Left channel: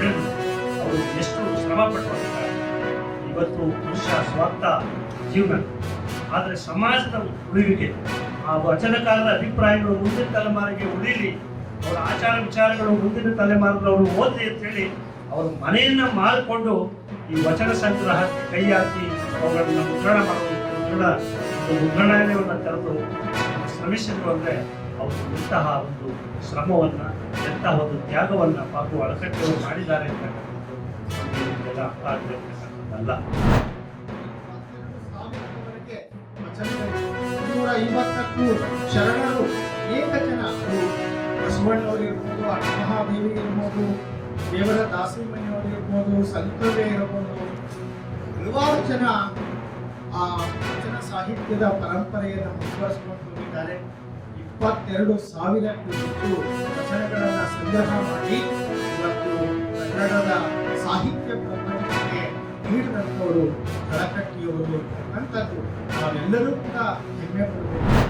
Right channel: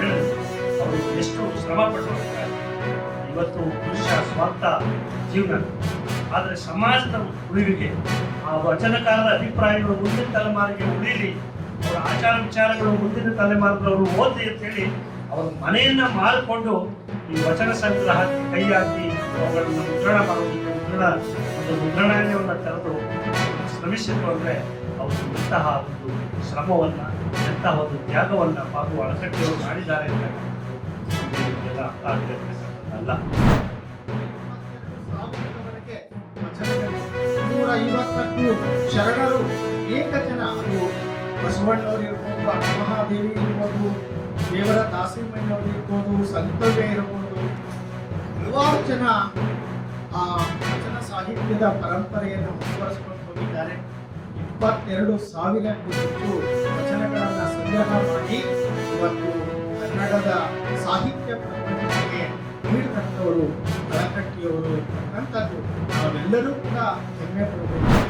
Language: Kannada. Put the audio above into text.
ಹೇಳಿದ್ರು. ಅವರು ಎಷ್ಟು ಶ್ರಮ ಪಟ್ಟರು ಅಂತ. ಇವತ್ತು ಮನುಷ್ಯ ಸ್ವಾರ್ಥ ಜೀವನ, ಆದರೆ ಸಮಾಜದ ಉಳಿವಿಗೆ ಆ ವಚನಕಾರರ ಅಭಿಪ್ರಾಯಗಳು ಮುಂದಿನ ತಲೆಮಾರಿಗೆ ಉಳಿಲಿ, ಅವರ ಆಚಾರ ವಿಚಾರಗಳು ಮುಂದಿನ ತಲೆಮಾರಿನವರು ಓದಲಿ ಅಂತೇಳಿ ಅವರು ಮನೆಯನ್ನ ಮಾಡಿಕೊಂಡು ಈ ವಚನ ಸಂಗ್ರಹಕ್ಕೆ ಕೈ ಹಾಕಿ ಅವುಗಳನ್ನ ಮುದ್ರಣ ಮಾಡೋದಕ್ಕೆ ಮುದ್ರಣಾಲಯವನ್ನು ತೆರೆದು ಶ್ರಮಿಸಿದ್ರು ಅಂದರೆ ಅವರು ಎಂತಹ ಒಂದು ಶ್ರಮವನ್ನು, ಎಂತಹ ಒಂದು ತ್ಯಾಗವನ್ನು ಪಾಪು ಅಳಕಟ್ಟಿಯವರು ಮಾಡಿದ್ದಾರೆ ಅಂತಕ್ಕಂಥದ್ದು ನಮಗೆ ನಿಮಗೆಲ್ಲ ಅರ್ಥ ಆಗಬೇಕಂತಕ್ಕಂಥದ್ದಲ್ಲ. 150ಕ್ಕೂ ಶರಣರು ಏಕಜನ, ಅದು ಬಸವಣ್ಣವರು ಇರ್ಬೋದು, ಅಕ್ಕಮಹಾದೇವಿ ಇರ್ಬೋದು, ದೇವರ ದಾಸಿಮಯ್ಯವರು ಇರ್ಬೋದು, ಸಂತವ್ಯ ಇರ್ಬೋದು, ಹಲವಾರು ಜನ ಆ ವಚನ ಸಾಹಿತ್ಯದ ಪರಂಪರೆಯನ್ನು ಮುಂದುವರಿಸಿಕೊಂಡು ಹೋಗಿದ್ದಾರೆ. 22,000ಕ್ಕೂ ಹೆಚ್ಚು ವಚನಗಳನ್ನು ಸಂಗ್ರಹ ಮಾಡಿ ಇವತ್ತು ಕನ್ನಡದ ಸಾಹಿತ್ಯ ಪ್ರಪಂಚಕ್ಕೆ ನೀಡಿದಂಥವರು ಕಳಕಟ್ಟಿಯವರು ಅಂತಕ್ಕಂಥದ್ದು ನಾವೆಲ್ಲರೂ ಕೂಡ ಹೆಮ್ಮೆ ಪಡಬೇಕು.